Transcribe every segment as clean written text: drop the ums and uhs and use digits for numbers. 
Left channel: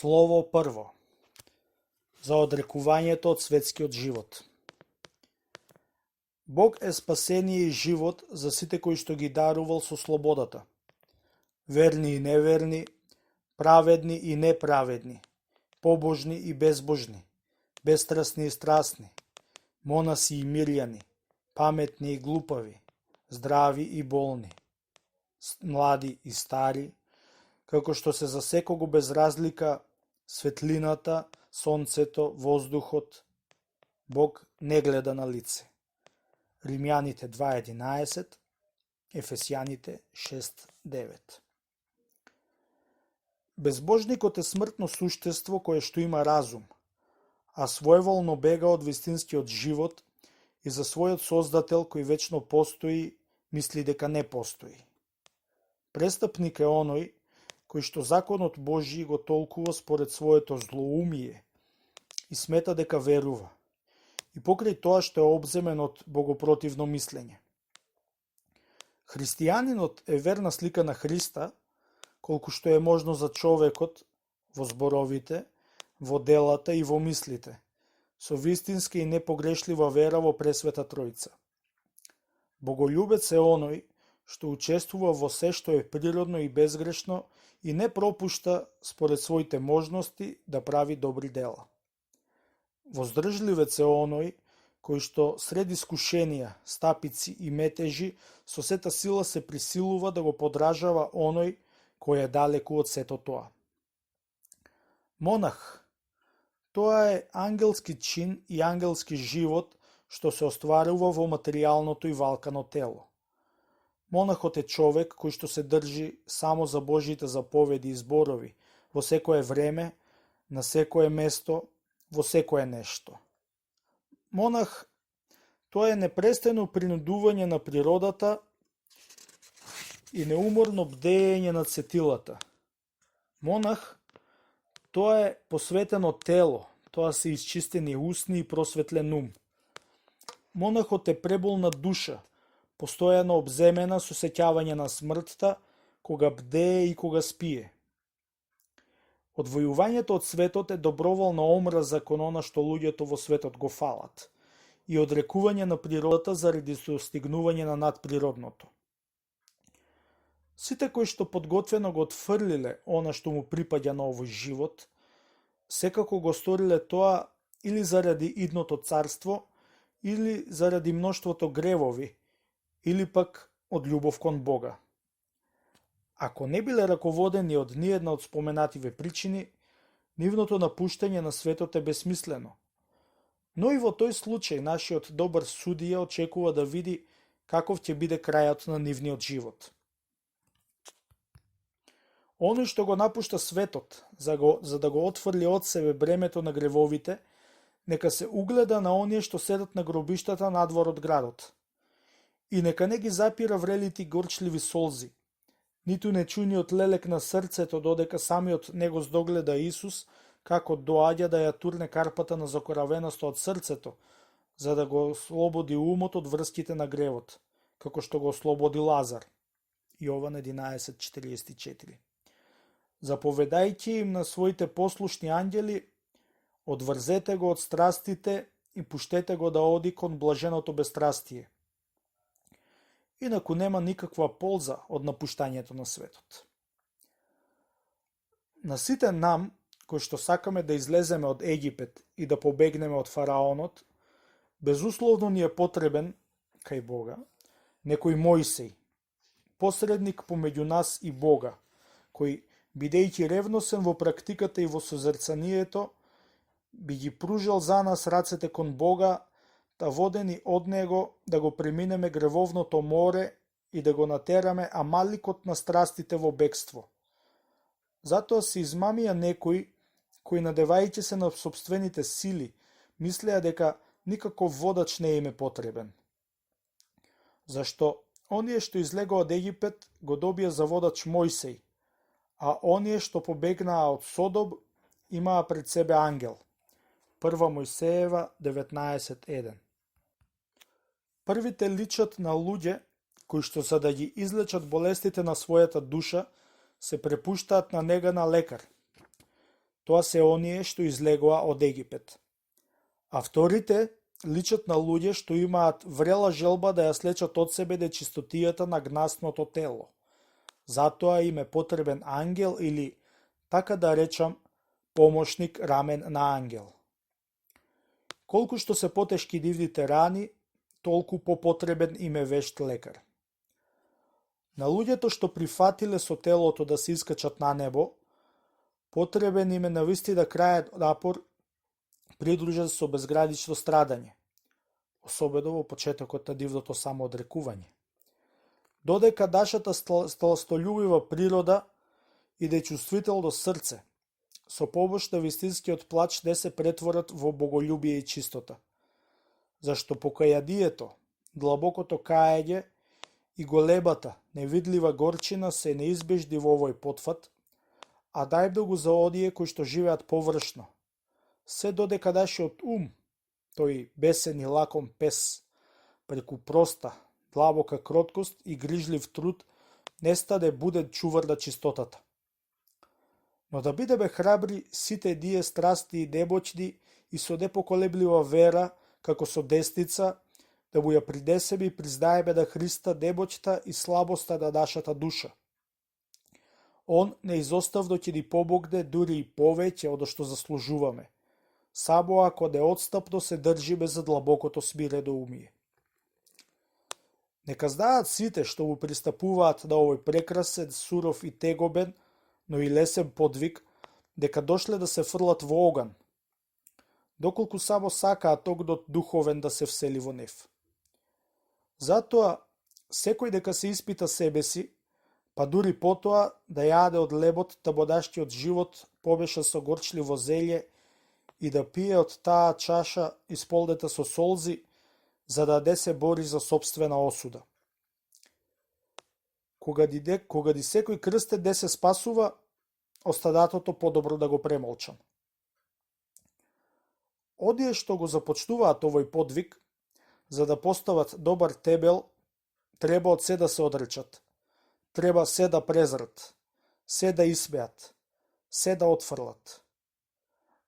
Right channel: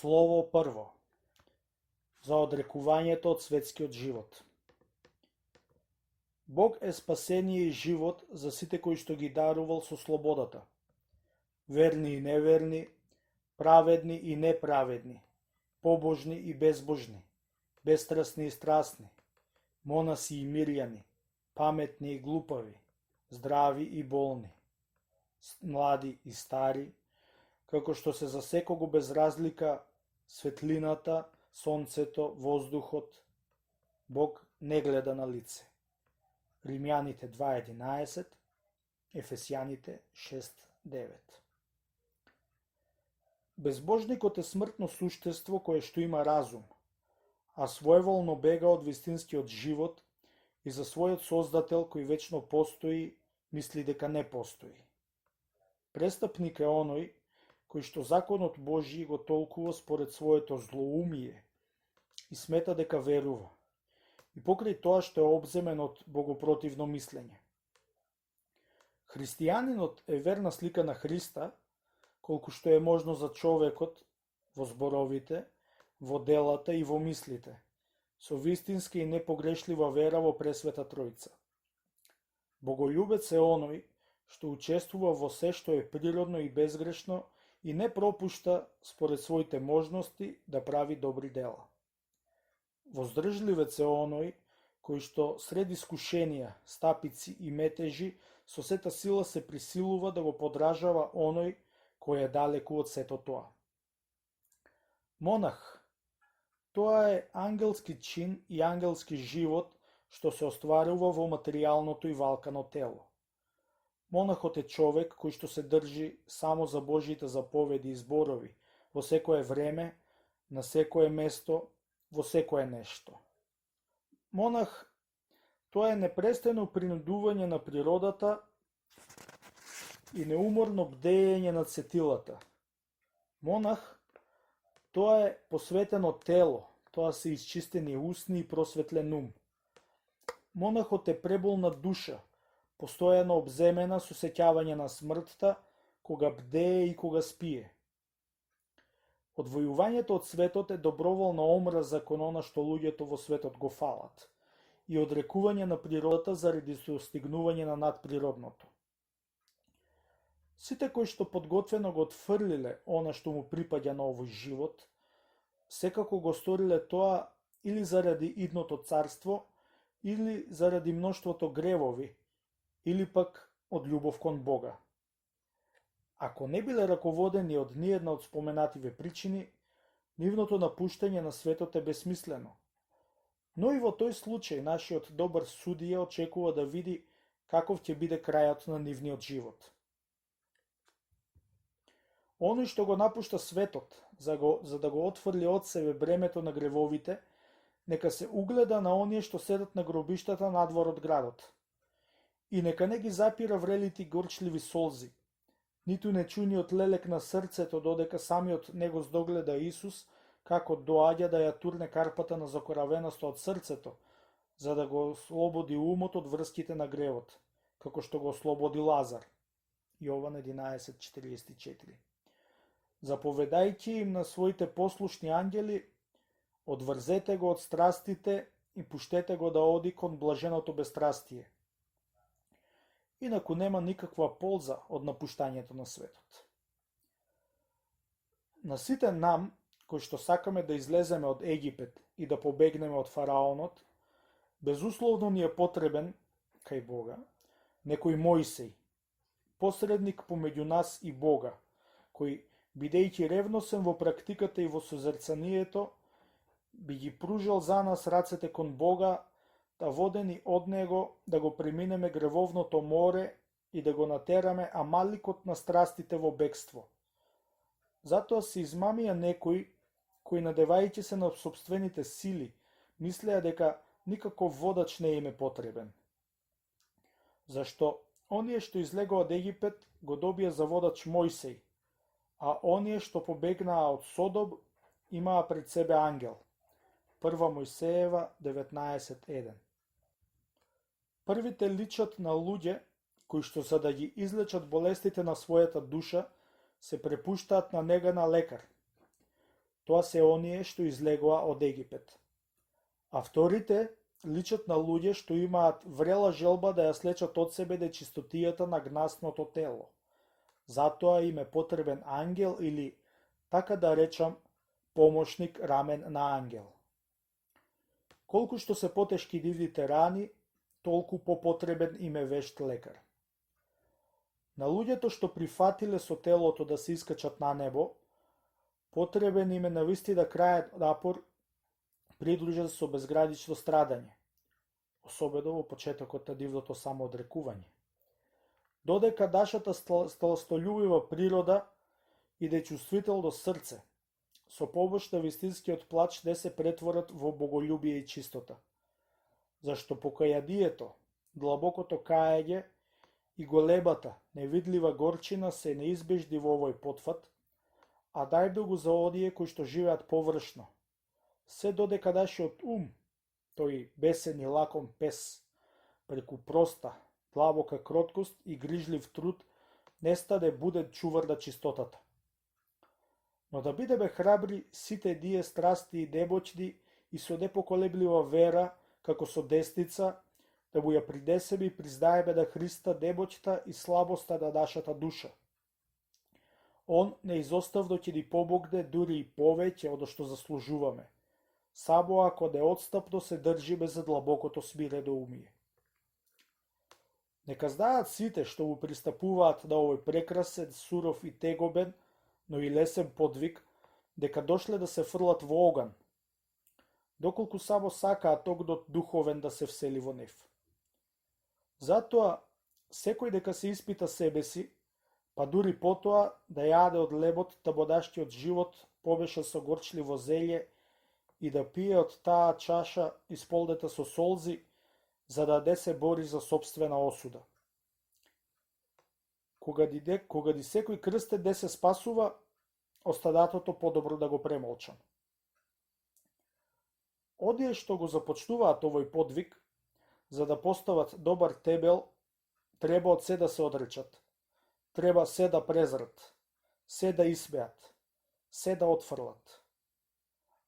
Слово прво. За одрекувањето од светскиот живот. Бог е спасение и живот за сите кои што ги дарувал со слободата. Верни и неверни, праведни и неправедни, побожни и безбожни, бестрасни и страстни, монаси и мирјани, паметни и глупави, здрави и болни, млади и стари, како што се за секого без разлика светлината, сонцето, воздухот, Бог не гледа на лице. Римјаните 2.11, Ефесјаните 6.9. Безбожникот е смртно суштество кое што има разум, а своеволно бега од вистинскиот живот и за својот создател кој вечно постои, мисли дека не постои. Престапник е оној кој што законот Божји го толкува според своето злоумие и смета дека верува, и покрај тоа што е обземен од богопротивно мислење. Христијанинот е верна слика на Христа, колку што е можно за човекот во зборовите, во делата и во мислите, со вистинска и непогрешлива вера во Пресвета Тројца. Боголюбец е оној што учествува во се што е природно и безгрешно и не пропушта според своите можности да прави добри дела. Воздржливец е оној кој што сред искушенија, стапици и метежи со сета сила се присилува да го подражава оној кој е далеку од сето тоа. Монах, тоа е ангелски чин и ангелски живот што се остварува во материјалното и валкано тело. Монахот е човек кој што се држи само за Божјите заповеди и зборови во секое време, на секое место, во секое нешто. Монах, тоа е непрестано принудување на природата и неуморно бдеење над сетилата. Монах, тоа е посветено тело, тоа се исчистени усни и просветлен ум. Монахот е преболна душа, постојано обземена со сеќавање на смртта, кога бдее и кога спие. Одвојувањето од светот е доброволна омраза кон она што луѓето во светот го фалат и одрекување на природата заради достигнување на надприродното. Сите кои што подготвено го отфрлиле она што му припаѓа на овој живот, секако го сториле тоа или заради идното царство, или заради мноштвото гревови, или пак од љубов кон Бога. Ако не биле раководени од ниедна од споменативе причини, нивното напуштање на светот е бесмислено. Но и во тој случај нашиот добар судија очекува да види каков ќе биде крајот на нивниот живот. Оној што го напушта светот, за да го отфрли од себе бремето на гревовите, нека се угледа на оние што седат на гробиштата надвор од градот. И нека не ги запира врелите горчливи солзи, ниту нечуниот лелек на срцето додека самиот него здогледа Исус како доаѓа да ја турне карпата на закоравеносто од срцето, за да го ослободи умот од врските на гревот, како што го ослободи Лазар. Јован 11.44. Заповедајќи им на своите послушни ангели, одврзете го од страстите и пуштете го да оди кон блаженото бестрастие. Инаку нема никаква полза од напуштањето на светот. На сите нам, кои што сакаме да излеземе од Египет и да побегнеме од фараонот, безусловно ни е потребен, кај Бога, некој Мојсей, посредник помеѓу нас и Бога, кој, бидејќи ревносен во практиката и во созерцанието, би ги пружал за нас рацете кон Бога, да водени од Него да го преминеме гревовното море и да го натераме амаликот на страстите во бегство. Затоа се измамија некои, кои надевајќи се на собствените сили, мислеа дека никаков водач не им е потребен. Зашто оние што излегоа од Египет го добија за водач Мојсей, а оние што побегнаа од Содом имаа пред себе ангел. 1 Мојсеева 19.1. Првите личат на луѓе кои што за да ги излечат болестите на својата душа се препуштаат на нега на лекар. тоа се оние што излегоа од Египет. А вторите личат на луѓе што имаат врела желба да ја слечат од себе нечистотијата на гнасното тело. Затоа им е потребен ангел или, така да речам, помошник рамен на ангел. Колку што се потешки нивните рани, толку попотребен им е вешт лекар. На луѓето што прифатиле со телото да се искачат на небо, потребен им е навистина крајен напор придружен со безгранично страдање, особено во почетокот на нивното самоодрекување. Додека нашата сластолюбива природа и дечувствително срце, со помош на вистинскиот плач не се претворат во боголюбие и чистота, зашто покајанието, длабокото каење и големата, невидлива горчина се неизбежни во овој потфат, а најмногу за оние кои што живеат површно. Се додека нашиот ум, тој бесен и лаком пес, преку проста, длабока кроткост и грижлив труд, не стане буден чувар на чистотата. Но да бидеме храбри сите ние страсти и немоćни и со непоколеблива вера, како со десница, да му ја принесеме и признаеме на Христа немоćта и слабоста на нашата душа. Он неизоставно ќе ни помогне дури и повеќе од што заслужуваме, само ако неотстапно се држиме за длабокото смирено умие. Нека знаат сите што му пристапуваат на овој прекрасен, суров и тегобен, но и лесен подвиг, дека дошле да се фрлат во оган, доколку само сакаат огнот духовен да се всели во нив. Затоа, секој дека се испита себе си, па дури потоа да јаде од лебот табодашкиот живот помешан со горчливо зелје и да пие од таа чаша исполнета со солзи, за да не се бори за сопствена осуда. Кога ни секој крстен не се спасува, остадатото подобро да го премолчам. Оние што го започнуваат овој подвиг, за да постават добар тебел, треба од се да се одречат. Треба се да презрат, се да исмеат, се да отфрлат.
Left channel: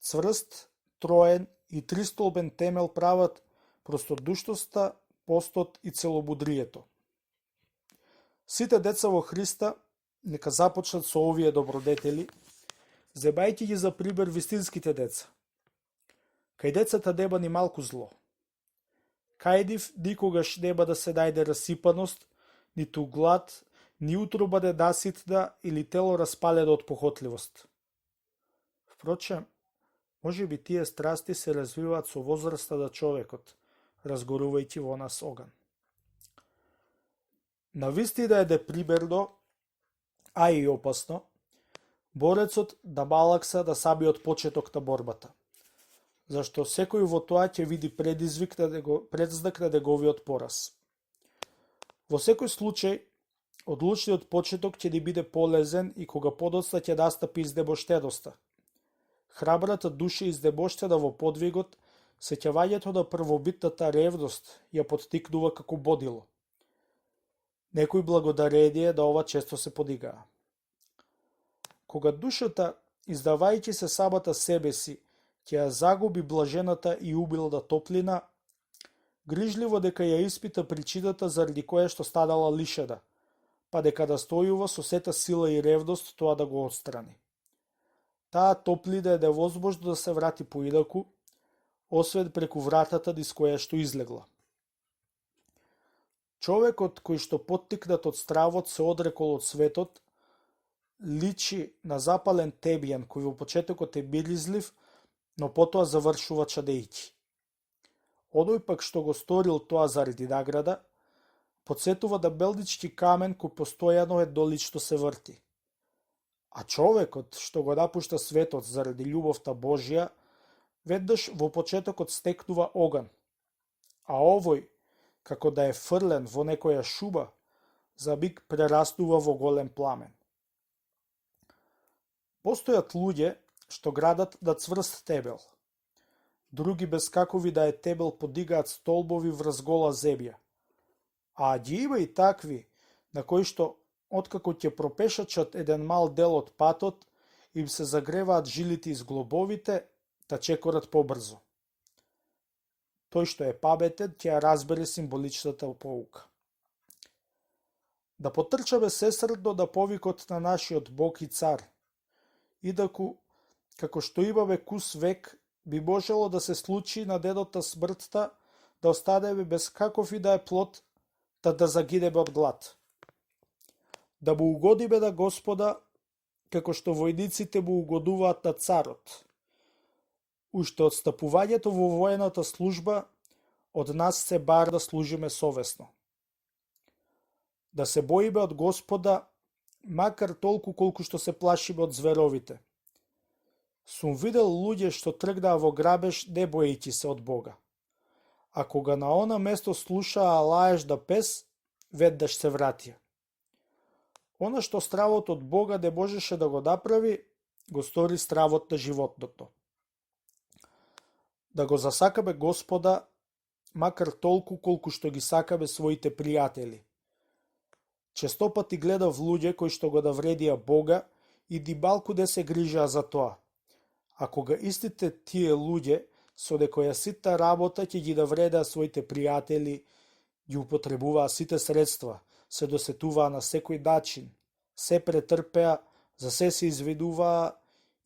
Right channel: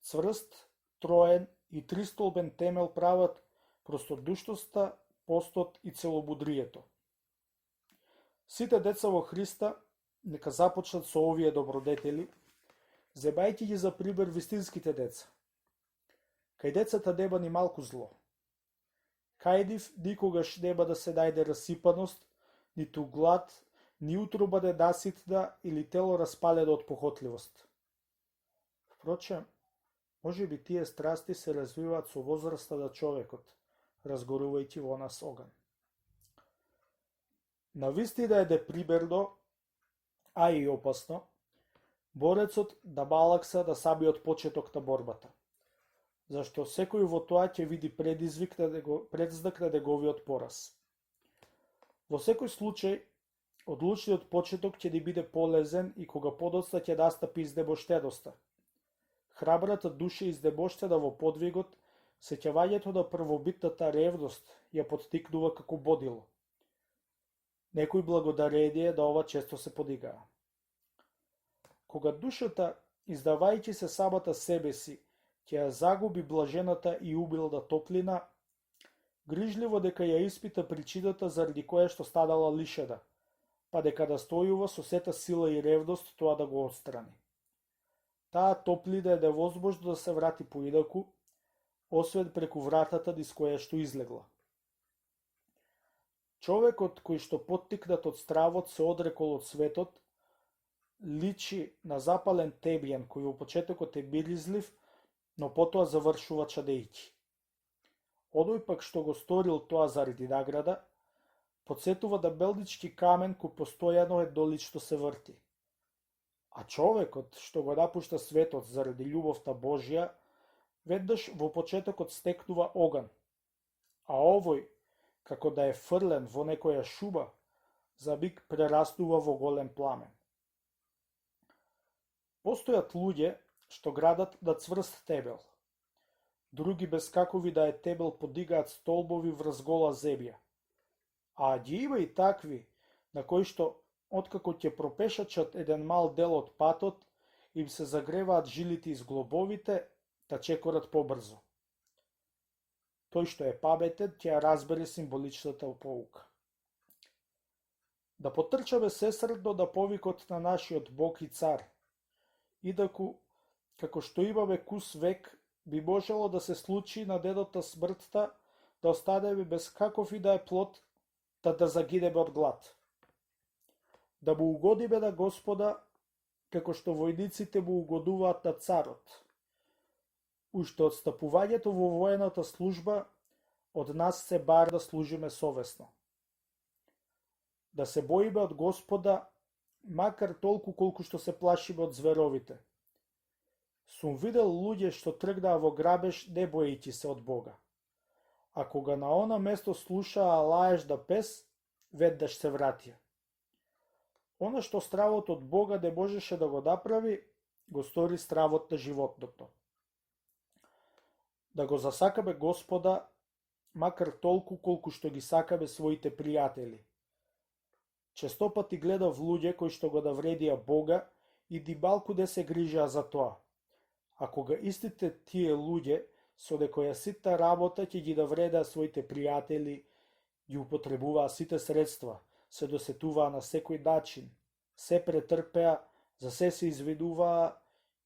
Цврст, троен и тристолбен темел прават простодушноста, постот и целомудрието. Сите деца во Христа нека започнат со овие добродетели, земајќи ги за пример вистинските деца. Кај децата нема ни малку зло. Кај нив никогаш нема да се најде расипаност, ниту глад, ни утроба недаситна или тело распалено од похотливост. Впрочем, може би тие страсти се развиваат со возраста на човекот, разгорувајќи во нас оган. Навистина е непримерно, а и опасно, борецот да малакса на самиот почеток на борбата, зашто секој во тоа ќе види предзнак на неговиот пораз. Во секој случај, одлучниот почеток ќе ни биде полезен и кога подоцна ќе настапи изнемоштеноста. Храбрата душа изнемоштена во подвигот, сеќавањето на првобитната ревност ја поттикнува како бодило. Некој благодарение на ова често се подигаа. Кога душата, издавајќи се самата себе си, ќе ја загуби блажената и убилна топлина, грижливо дека ја испита причината заради која што станала лишена, па дека настојува со сета сила и ревност тоа да го отстрани. Таа топлина е невозможно да се врати поинаку, освен преку вратата низ која што излегла. Човекот кој што поттикнат од стравот се одрекол од светот, личи на запален тебјан кој во почетокот е миризлив, но потоа завршува чадејќи. Оној пак што го сторил тоа заради награда, потсетува да белнички камен кој постојано еднолично се врти. А човекот што го напушта светот заради љубовта Божја, веднаш во почетокот стекнува оган, а овој, како да е фрлен во некоја шуба, за миг прерастува во голем пламен. Постојат луѓе што градат на цврст тебел. Други без какови да е тебел подигаат столбови врз гола земја. А ги има и такви, на кои што, откако ќе пропешачат еден мал дел од патот им се загреваат жилите из глобовите, та чекорат побрзо. Тој што е пабетен, ќе ја разбере символичната поука. Да потрчаме сесредно да повикот на нашиот Бог и Цар, идаку, како што имаме кус век, би можело да се случи на денот на смртта да останеме без каков и да е плод, да загинеме од глад. Да му угодиме на Господа, како што војниците му угодуваат на царот. Уште од стапувањето во воената служба, од нас се бар да служиме совесно. Да се боиме од Господа, макар толку колку што се плашиме од зверовите. Сум видел луѓе што тргнаа во грабеж не боејќи се од Бога. А кога на она место слушаа лаеж да пес, веднаш се вратија. Она што стравот од Бога не можеше да го направи, го стори стравот на животното. Да го засакаме Господа, макар толку колку што ги сакаме своите пријатели. Често пати гледав луѓе кои што го навредија Бога и ни малку не се грижаа за тоа. А кога истите тие луѓе со некоја ситна работа ќе ги навредаа своите пријатели, ги употребуваа сите средства, се досетуваа на секој начин, се претрпеа, за се извинуваа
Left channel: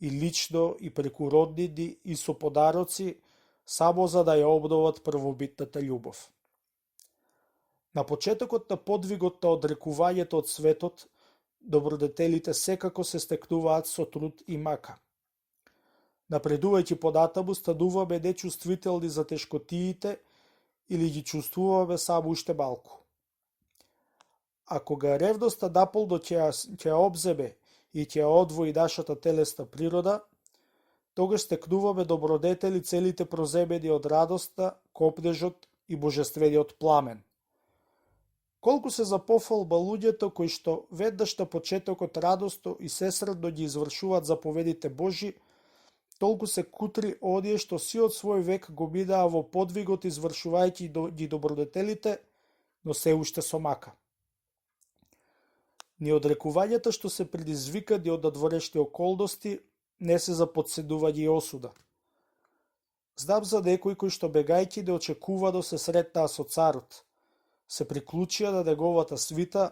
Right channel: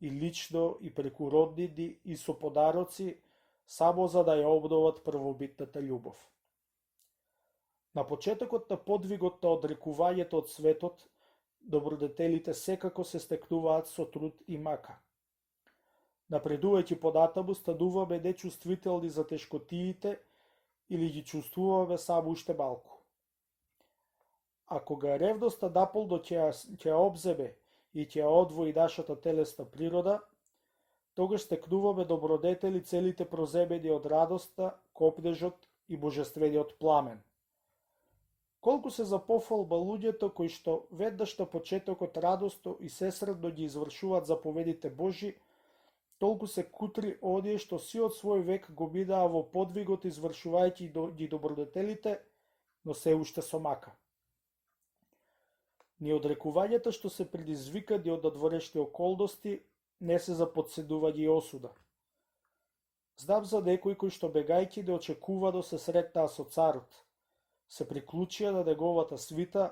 и лично и преку роднини и со подароци, само за да ја обноват првобитната љубов. На почетокот на подвигот на одрекувањето од светот, добродетелите секако се стекнуваат со труд и мака. Напредувајќи понатаму, стануваме нечувствителни за тешкотиите или ги чувствуваме само уште малку. А кога ревноста наполно ќе обземе и ќе одвои нашата телесна природа, тогаш стекнуваме добродетели целите проземени од радоста, копнежот и божествениот пламен. Колку се за пофалба луѓето кои што веднаш на почетокот радосно и сесредно ги извршуваат заповедите Божи, толку се кутри оние што сиот свој век го минаа во подвигот извршувајќи ги добродетелите, но се уште со мака. Ни одрекувањата што се предизвикани од надворешни околности не се за подседување и осуда. Знам за некои кои што бегајќи неочекувано се сретнаа со царот, се приклучија на неговата свита,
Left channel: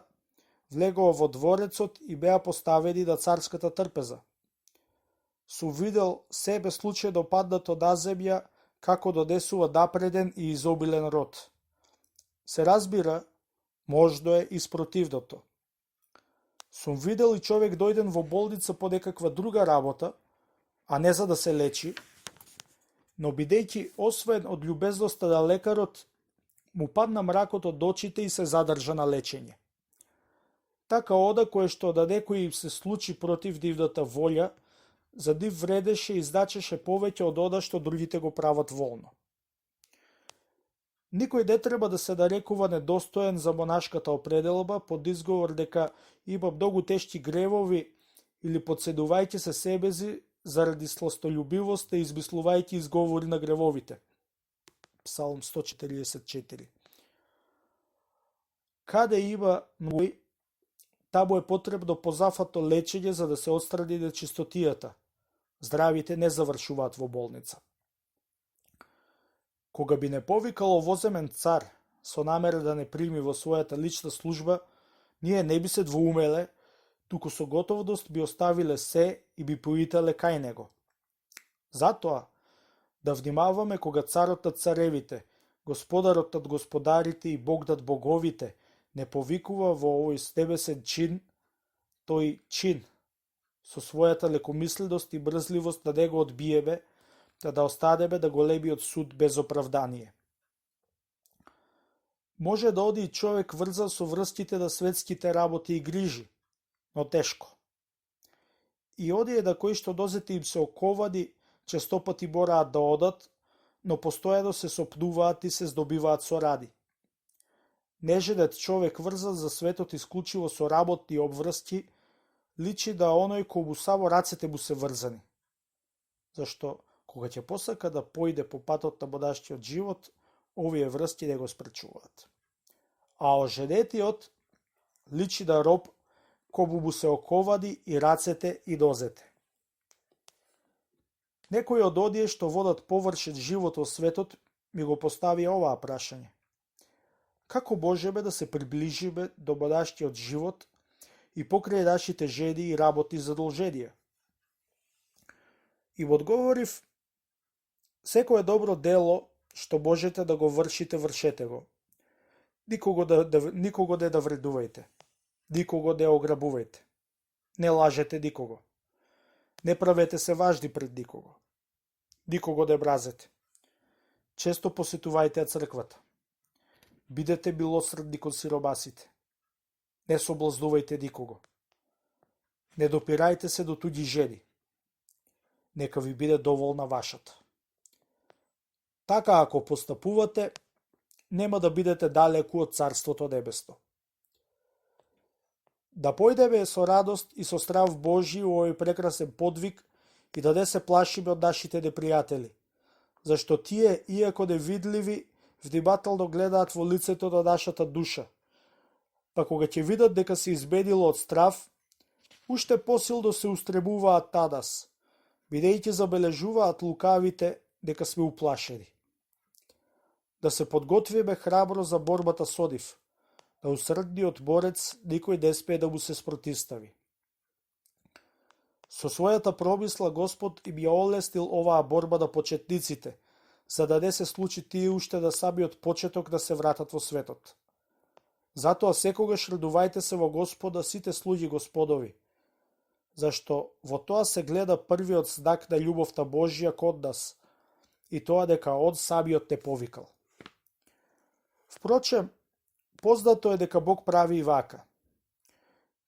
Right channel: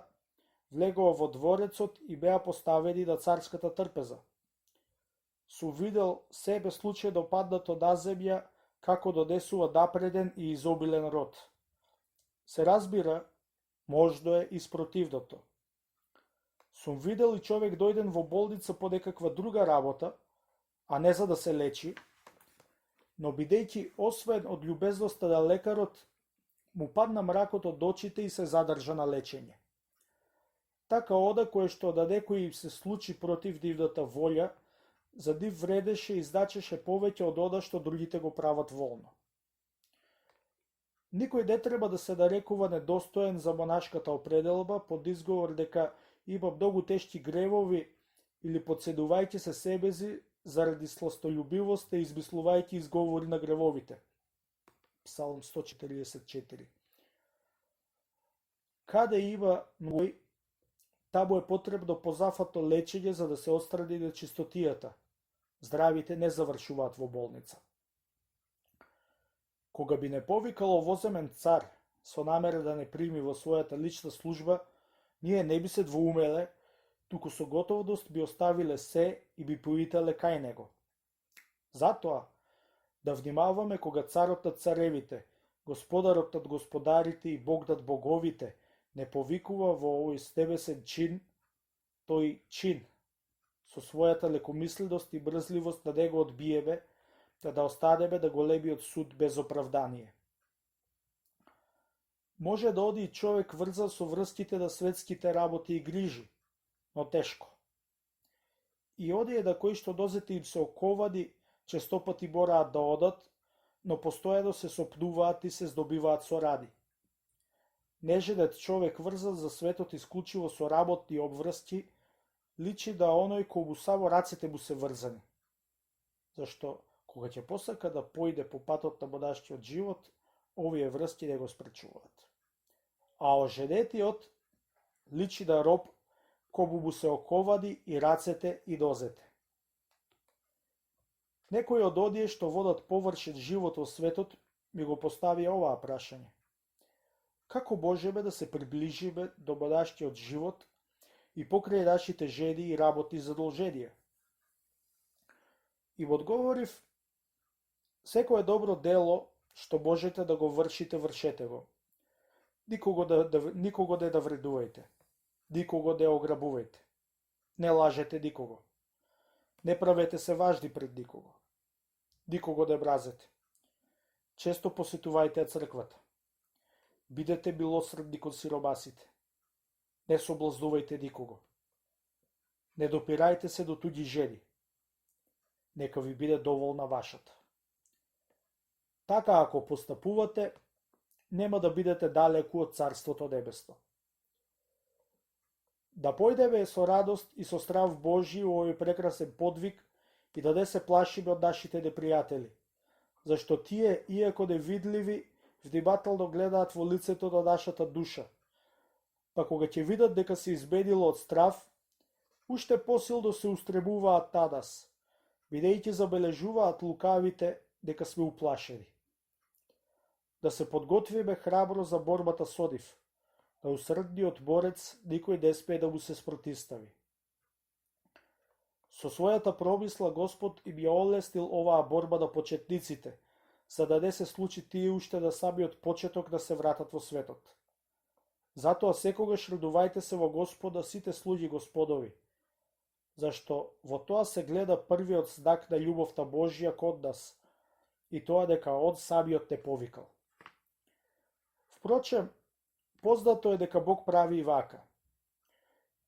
влегоа во дворецот и беа поставени на царската трпеза. Сум видел себе случајно паднато на земја како донесува напреден и изобилен род. Се разбира, можно е и спротивното. Сум видел и човек дојден во болница по некаква друга работа, а не за да се лечи, но бидејќи освоен од љубезноста на лекарот, му падна мракот од очите и се задржа на лечење. Така ода кое што да некој им се случи против нивната волја, за нив вредеше и значеше повеќе од ода што другите го прават волно. Никој не треба да се нарекува недостоен за монашката определба под изговор дека има многу тешки гревови или подседувајќи се себези заради сластољубивост и измислувајќи изговори на гревовите. Псалм 144. Каде има ној, таму е потребно позафато лечење за да се отстрани нечистотијата. Здравите не завршуваат во болница. Кога би не повикало воземен цар со намера да не прими во својата лична служба, ние не би се двоумеле, туку со готовност би оставиле се и би поителе кај него. Затоа, да внимаваме кога царот над царевите, господарот над господарите и Бог над боговите не повикува во овој стебесен чин, тој чин, со својата лекомисленост и брзливост да него одбиеме, да останеме да големиот суд без оправдание. Може да оди човек врзан со врските на светските работи и грижи, но тешко. И оние на кои што дозете им се оковани, често пати мораат да одат, но постојано се сопнуваат и се здобиваат со ради. Неженет човек врзан за светот исклучиво со работни обврски, личи да оној кому само рацете му се врзани. Зашто, кога ќе посака да појде по патот на монашкиот живот, овие врски не го спречуваат. А оженетиот личи да роб кому му се оковани и рацете и нозете. Некој од одие што водат површет живот во светот ми го поставија оваа прашање. Како можеме да се приближиме до бадашкиот живот и покрај нашите жеди и работи и задолженија? И одговорив, секое добро дело што можете да го вршете го. Никого не да вредувајте. Никого не ограбувајте. Не лажете никого. Не правете се важни пред никого. Никого не мразете. Често посетувајте црквата. Бидете милосредни кон сиромасите. Не соблазнувајте никого. Не допирајте се до туѓи жени. Нека ви биде доволна вашата. Така ако постапувате, нема да бидете далеку од Царството Небесно. Да појдеме со радост и со страв Божи у овој прекрасен подвиг и да не се плашиме од нашите непријатели, зашто тие, иако невидливи, внимателно гледаат во лицето на нашата душа, па кога ќе видат дека се изменило од страв, уште посилно се устремуваат на нас, бидејќи забележуваат лукавите дека сме уплашени. Да се подготвиме храбро за борбата со нив, да усрдниот борец никој не спее да му се спротивстави. Со својата промисла Господ им ја олеснил оваа борба на почетниците, за да не се случи тие уште на самиот почеток да се вратат во светот. Затоа секогаш радувајте се во Господа сите слуги Господови, зашто во тоа се гледа првиот знак на љубовта Божја кон нас, и тоа дека Он самиот не повикал. Впрочем, познато е дека Бог прави и вака.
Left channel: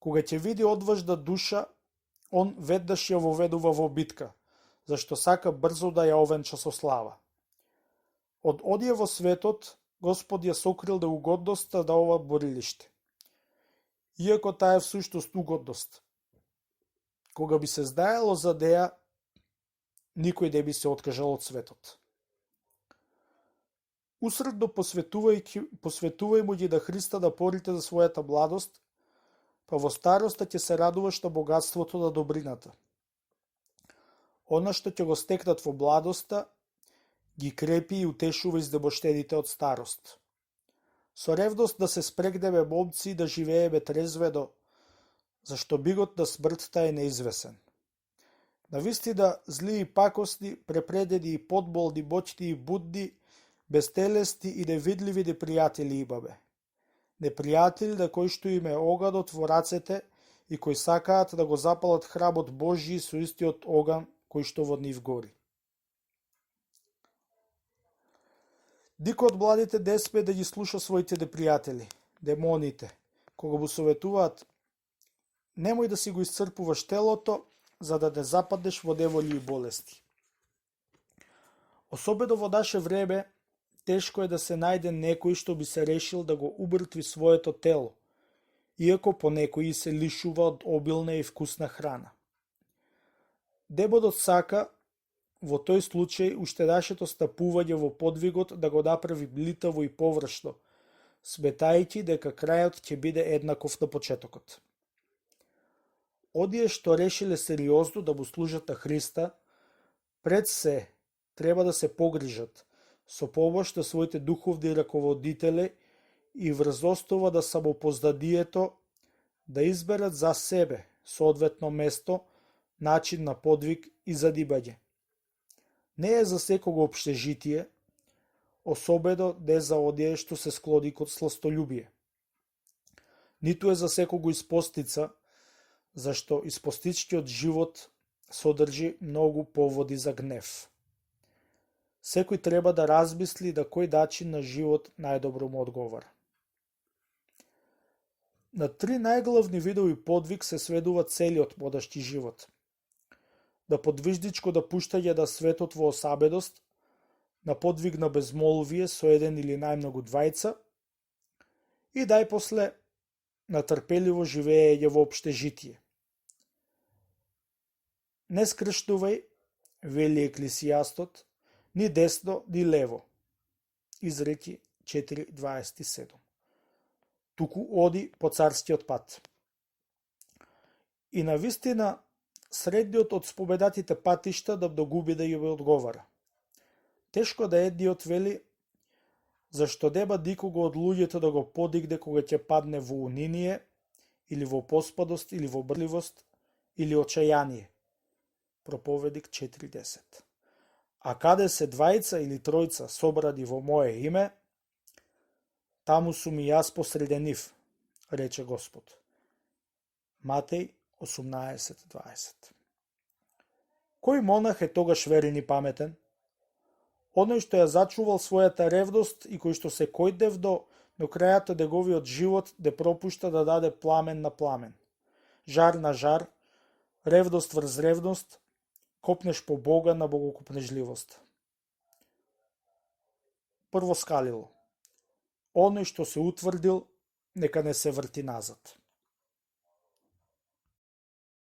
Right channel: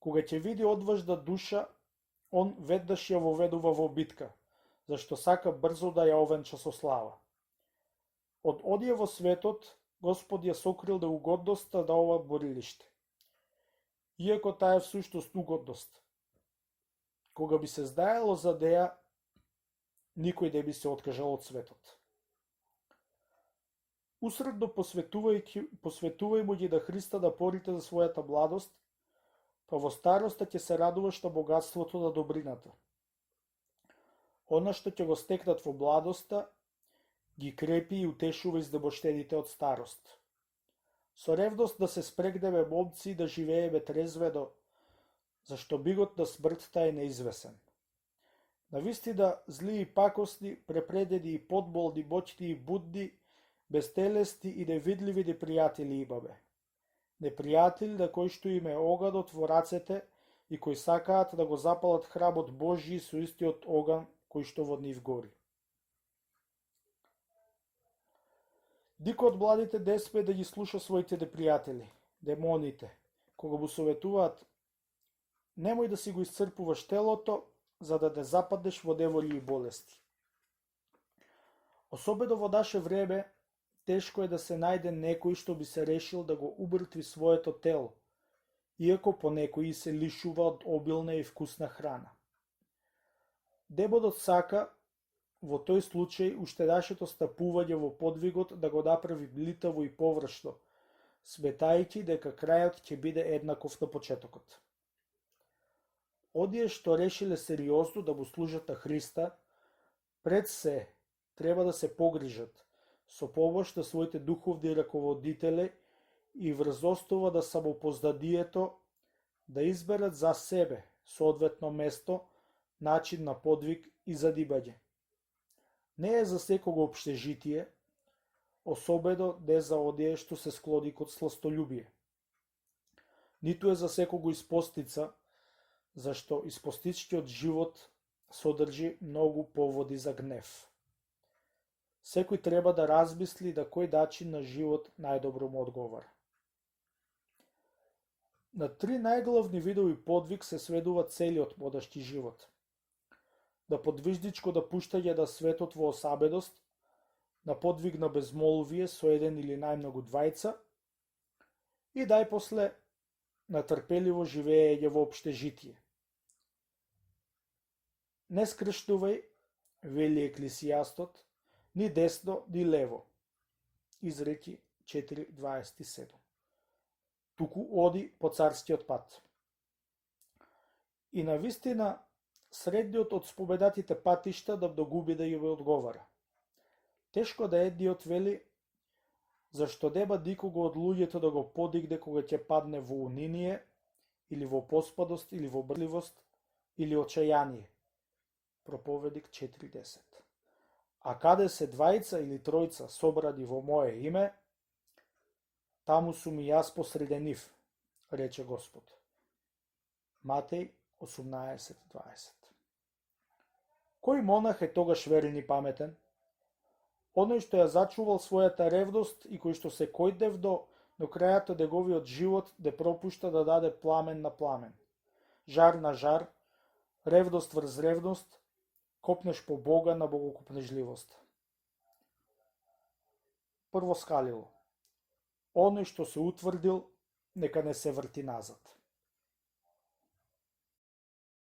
Кога ќе види одважна душа, Он веднаш ја воведува во битка, зашто сака брзо да ја овенча со слава. Од одие во светот, Господ ја сокрил неугодноста на ова борилиште. Иако таа е всушност угодност. Кога би се знаело за неа, никој не би се откажал од светот. Усредно посветувај ги на Христа напорите за својата младост, па во староста ќе се радуваш на богатството на добрината. Она што ќе го стекнат во младоста, ги крепи и утешува изнемоштените од старост. Со ревност да се спрегнеме момци и да живееме трезвено, зашто бигот на смртта е неизвесен. Навистина, зли и пакосни, препредени и подболни, моќни и будни, безтелесни и невидливи непријатели имаме. Непријатели на кои што им е оганот во рацете и кои сакаат да го запалат храмот Божји со истиот оган кој што во нив гори. Никој од младите не сме да ги слуша своите непријатели, демоните, кога му советуваат: немој да си го исцрпуваш телото, за да не западнеш во неволи и болести. Особено во наше време, тешко е да се најде некој што би се решил да го умртви своето тело, иако понекои се лишува од обилна и вкусна храна. Демонот сака, во тој случај, уште нашето стапување во подвигот да го направи блитаво и површно, сметајќи дека крајот ќе биде еднаков на почетокот. Одие што решиле сериозно да му служат на Христа, пред се треба да се погрижат, со помош на своите духовни раководители и врз основа на самопознанието да изберат за себе соодветно место, начин на подвиг и занимање. Не е за секого општежитие, особено не за оние што се склони кон сластолюбие. Ниту е за секого испостица, зашто испостичкиот живот содржи многу поводи за гнев. Секој треба да размисли на кој начин на живот најдобро му одговара. На 3 најглавни видови подвиг се сведува целиот модашки живот. На подвижничко допуштање на светот во осабедост, на подвиг на безмолвие со еден или најмногу двајца и најпосле на трпеливо живеење во општежитие. Не скршнувај, вели Еклесијастот, ни десно, ни лево. Изреки 4.27. Туку оди по царскиот пат. И навистина, средниот од спобедатите патишта да догуби да ја одговара. Тешко да едниот вели, зашто деба дикого од луѓето да го подигне кога ќе падне во униние, или во поспадост, или во брливост, или очајание. Проповедник 4.10. А каде се двајца или тројца собради во мое име, таму сум и јас посреде нив, рече Господ. Матеј 18.20. Кој монах е тогаш верен и паметен? Оној што ја зачувал својата ревност и кој што се којдев до крајато неговиот живот да пропушта да даде пламен на пламен, жар на жар, ревност врз ревност, копнеш по Бога на богокопнежливост. Прво скалило. Оној што се утврдил, нека не се врти назад.